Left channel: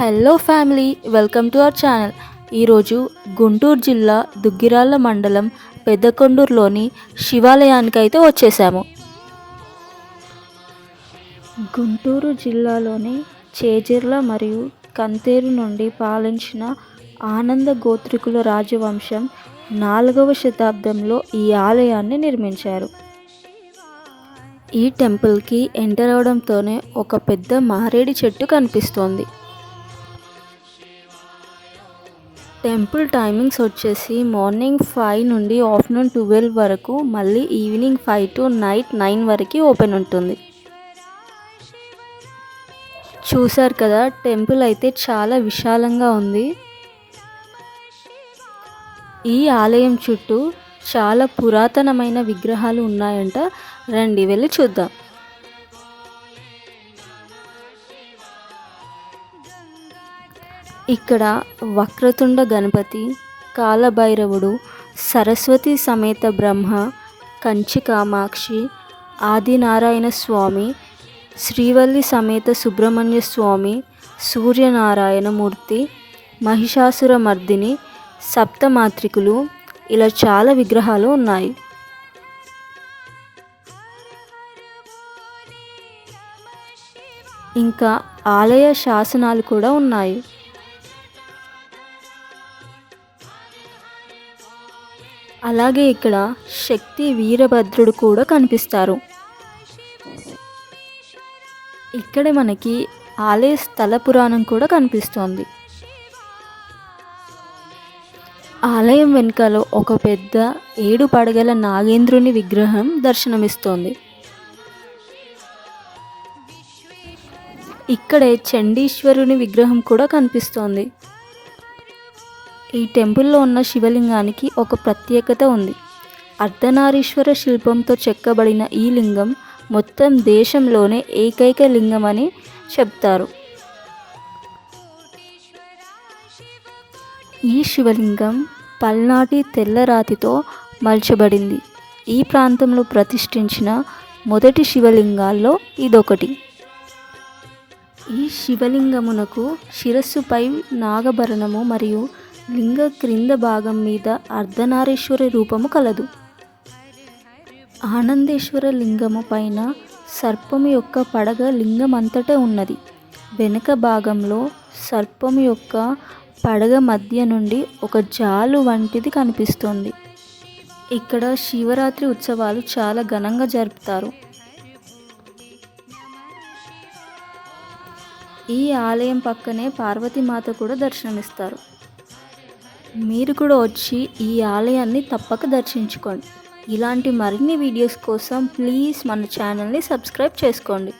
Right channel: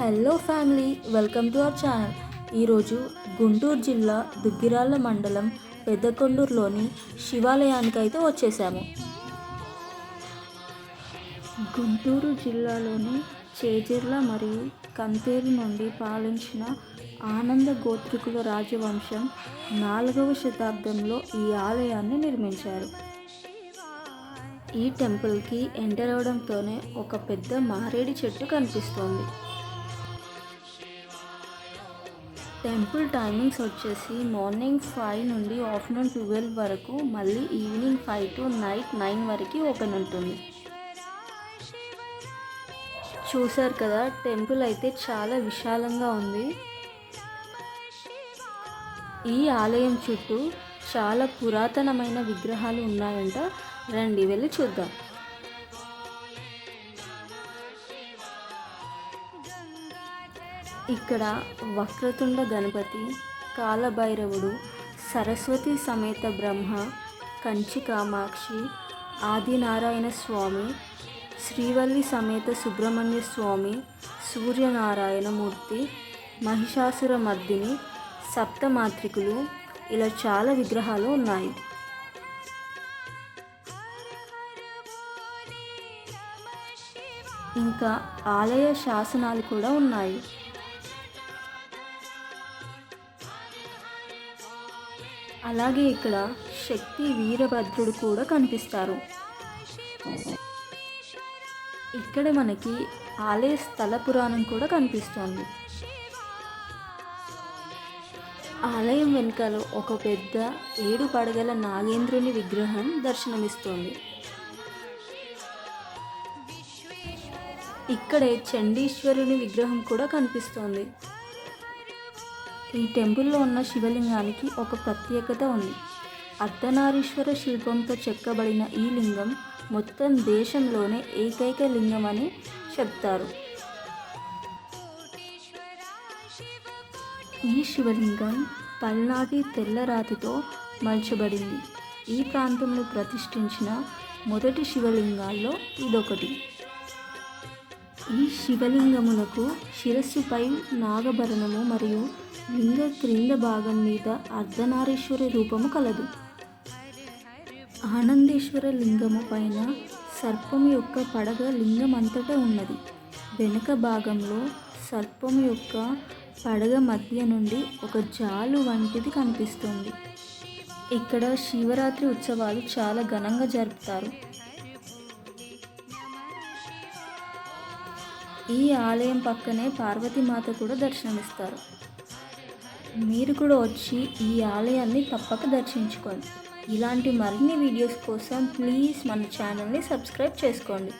Hello family, welcome to our channel. ఈరోజు గుంటూరు జిల్లా దుగ్గిరాల మండలం పెద్దకొండూరులోని శివాలయానికి అయితే వచ్చేసాము. గుంటూరు జిల్లాలోని చేజర్ల మరియు కంతేరు నుండి పాలించిన ఆనంద గోత్రికుల రాజవంశం 4వ శతాబ్దంలో ఈ ఆలయాన్ని నిర్మించారు. ఈ టెంపుల్కి ఎంటర్ అవడంతోనే ఒక పెద్ద మారేడు చెట్టు కనిపిస్తోంది. టెంపుల్ టైమింగ్స్ వచ్చేసి మార్నింగ్ 5 నుండి ఆఫ్టర్నూన్ 12 వరకు, మళ్ళీ ఈవినింగ్ 5 టు నైట్ 9 వరకు ఓపెన్ ఉంటుంది. చూసారు కదా, టెంపుల్ అయితే చాలా విశాలంగా ఉంది. ఈ ఆలయం చుట్టూ చాలా పురాతనమైన విగ్రహాలు ఉన్నాయంట. రండి వెళ్ళి చూద్దాం. ఇక్కడ వక్రతుండ గణపతి, కాలభైరవుడు, సరస్వతి సమేత బ్రహ్మ, కంచి కామాక్షి, ఆదినారాయణ స్వామి, శ్రీవల్లి సమేత సుబ్రహ్మణ్య స్వామి, సూర్యనారాయణ మూర్తి, మహిషాసుర మర్దిని, సప్తమాత్రికులు, ఇలా చాలా విగ్రహాలు ఉన్నాయి. ఇంకా ఆలయ శాసనాలు కూడా ఉన్నాయి. అలాగే ఇక్కడ శక్తి వీరభద్రుడు కూడా కనిపిస్తారు. ఇక్కడ మనకి ఆలయ స్థల పురాణం కూడా కనిపిస్తోంది. ఆలయం వెనుకలో ఒక పెద్ద 7 పడగల నాగేంద్రుని విగ్రహం దర్శనమిస్తోంది. ఇక్కడే చండీశ్వరుని విగ్రహం కూడా కనిపిస్తోంది. ఈ టెంపుల్లో ఉన్న శివలింగానికి ఒక ప్రత్యేకత ఉంది. అర్ధనారీశ్వర శిల్పంతో చెక్కబడిన ఈ లింగం మొత్తం దేశంలోనే ఏకైక లింగం అని చెప్తారు. ఈ శివలింగం పల్నాటి తెల్లరాతితో మల్చబడింది. ఈ ప్రాంతంలో ప్రతిష్ఠించిన మొదటి శివలింగాల్లో ఇదొకటి. ఈ శివలింగమునకు శిరస్సుపై నాగభరణము మరియు లింగ క్రింద భాగం మీద అర్ధనారీశ్వరి రూపము కలదు. ఆనందేశ్వర లింగము పైన సర్పము యొక్క పడగ లింగం అంతటా ఉన్నది. వెనుక భాగంలో సర్పము యొక్క పడగ మధ్య నుండి ఒక జాలు వంటిది కనిపిస్తుంది. ఇక్కడ శివరాత్రి ఉత్సవాలు చాలా ఘనంగా జరుపుతారు. ఈ ఆలయం పక్కనే పార్వతీమాత కూడా దర్శనమిస్తారు. మీరు కూడా వచ్చి ఈ ఆలయాన్ని తప్పక దర్శించుకోండి. ఇలాంటి మరిన్ని వీడియోస్ కోసం ప్లీజ్ మన ఛానల్ని సబ్స్క్రైబ్ చేసుకోండి.